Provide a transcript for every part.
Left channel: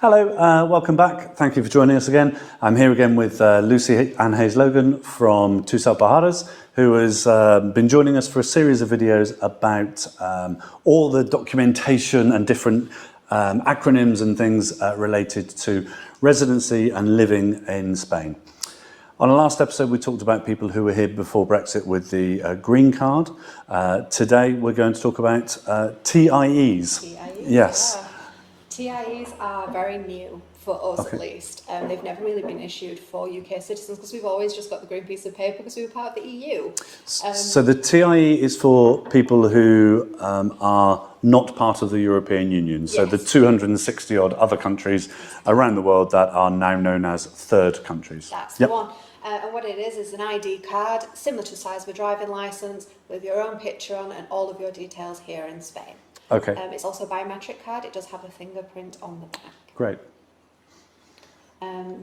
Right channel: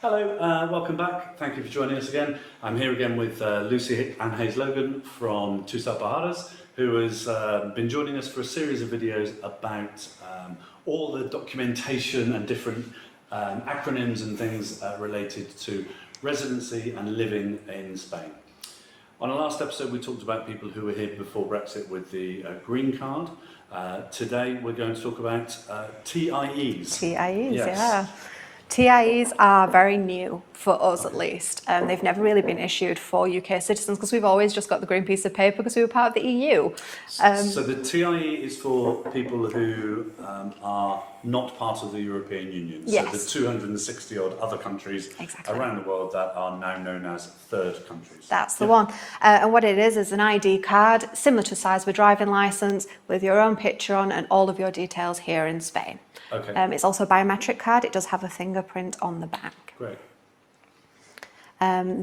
Hello, welcome back. Thank you for joining us again. I'm here again with Lucy Ann Hayes-Logan from Tusal Baharas, who has been joining us for a series of videos about all the documentation and different acronyms and things related to residency and living in Spain. On our last episode, we talked about people who were here before Brexit with the green card. Today, we're going to talk about TIEs. TIEs, yes. yeah. TIEs are very new for us, at least. They've never really been issued for UK citizens because we've always just got the green piece of paper because we were part of the EU. So the TIE is for people who are not part of the European Union. Yes. So the 260 odd other countries around the world that are now known as third countries. That's the one. And what it is an ID card, similar to the size of a driving licence, with your own picture on and all of your details here in Spain. Okay. It's also a biometric card. It does have a fingerprint on the back. Great.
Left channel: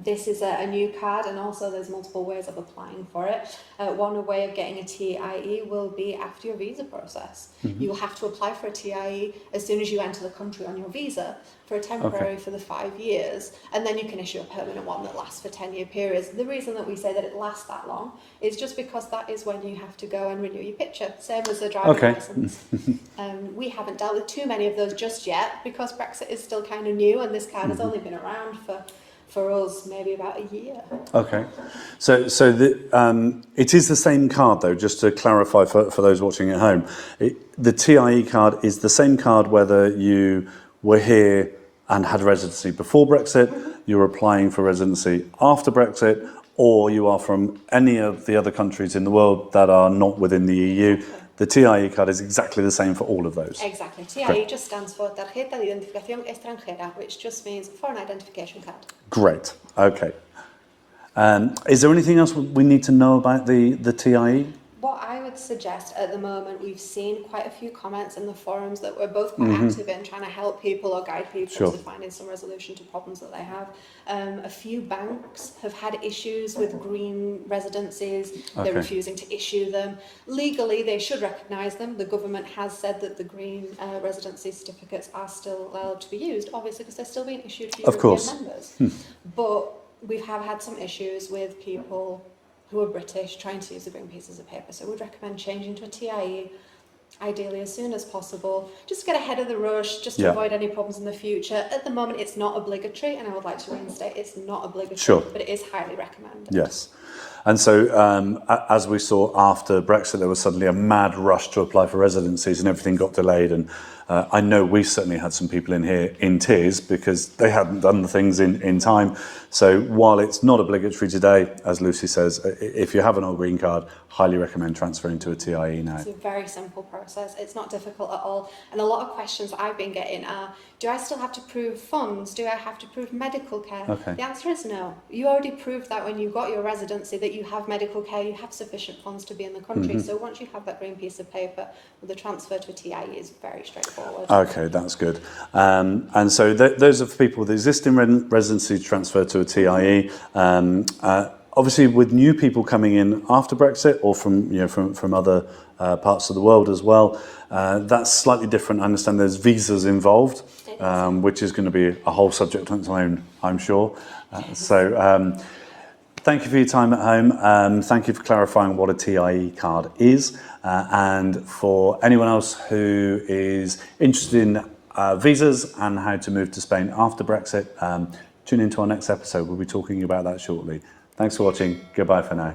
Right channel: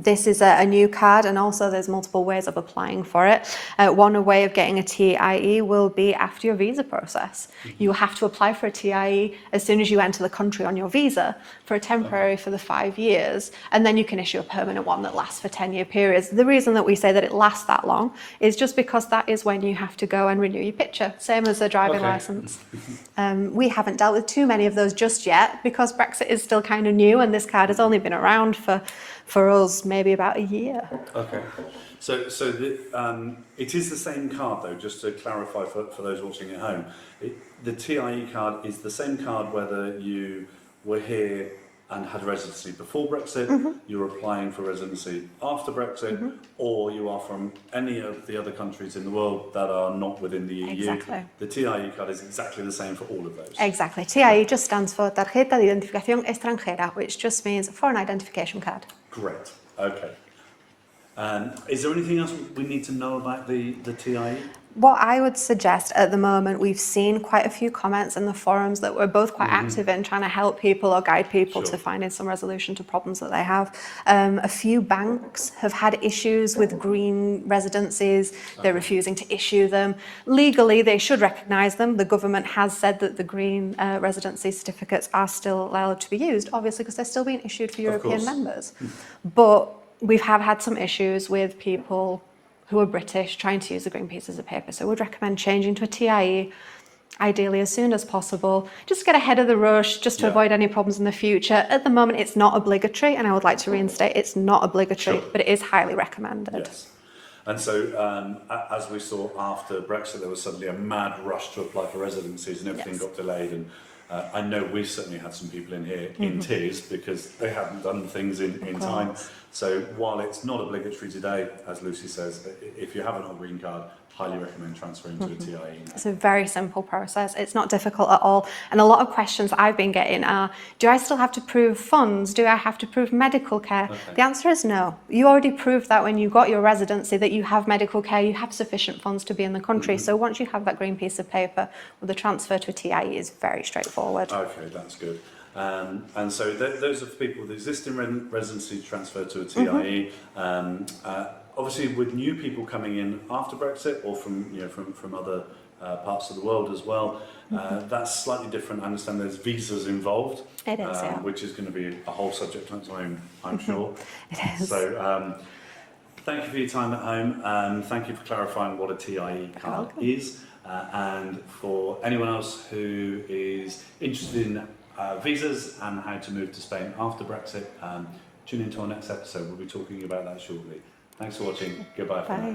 This is a new card, and also there's multiple ways of applying for it. One way of getting a TIE will be after your visa process. You have to apply for a TIE as soon as you enter the country on your visa for a temporary for the 5 years, and then you can issue a permanent one that lasts for 10-year periods. The reason that we say that it lasts that long is just because that is when you have to go and renew your picture, same as a driving licence. We haven't dealt with too many of those just yet because Brexit is still kind of new, and this card has only been around for us maybe about a year. Okay, so it is the same card though, just to clarify for those watching at home. The TIE card is the same card whether you were here and had residency before Brexit, you're applying for residency after Brexit, or you are from any of the other countries in the world that are not within the EU. Exactly. The TIE card is exactly the same for all of those. Exactly. TIE just stands for Tarjeta de Identificación Extranjera, which just means a foreign identification card. Great, okay. Is there anything else we need to know about the TIE? What I would suggest at the moment, we've seen quite a few comments in the forums that we're both quite active in trying to help people or guide people to finding some resolution to problems that they have. A few banks have had issues with green residencies. They're refusing to issue them. Legally, they should recognise them. The government has said that the green residency certificates are still allowed to be used, obviously because they're still being issued for European members. But we have had some issues with people who are British trying to use the green pieces of paper. So we'd recommend changing to a TIE, ideally as soon as possible, just to get ahead of the rush, just to avoid any problems in the future. At the moment, it's not obligatory, and I would like to reinstate, it's not obligatory, but it is highly recommended. Yes. And so, as we saw after Brexit, there was suddenly a mad rush to apply for residencies and everything got delayed. And I know we certainly had some people in here in tears because they hadn't done the things in time. So while it's not obligatory today, as Lucy says, if you have an old green card, highly recommend transferring to a TIE now. It's a very simple process. It's not difficult at all. And a lot of questions I've been getting are, do I still have to prove funds? Do I have to prove medical care? The answer is no. You already proved that when you got your residency that you have medical care, you have sufficient funds to be in the country. So once you have that green piece of paper, well, the transfer to a TIE is very straightforward. Okay, that's good. And so those are for people with existing residency transfer to a TIE. Obviously, with new people coming in after Brexit or from other parts of the world as well, that's slightly different. I understand there's visas involved, which is going to be a whole subject on its own, I'm sure. So thank you for your time at home. Thank you for clarifying what a TIE card is. And for anyone else who is interested in visas and how to move to Spain after Brexit, tune into our next episode. We'll be talking about that shortly. Thanks for watching. Goodbye for now.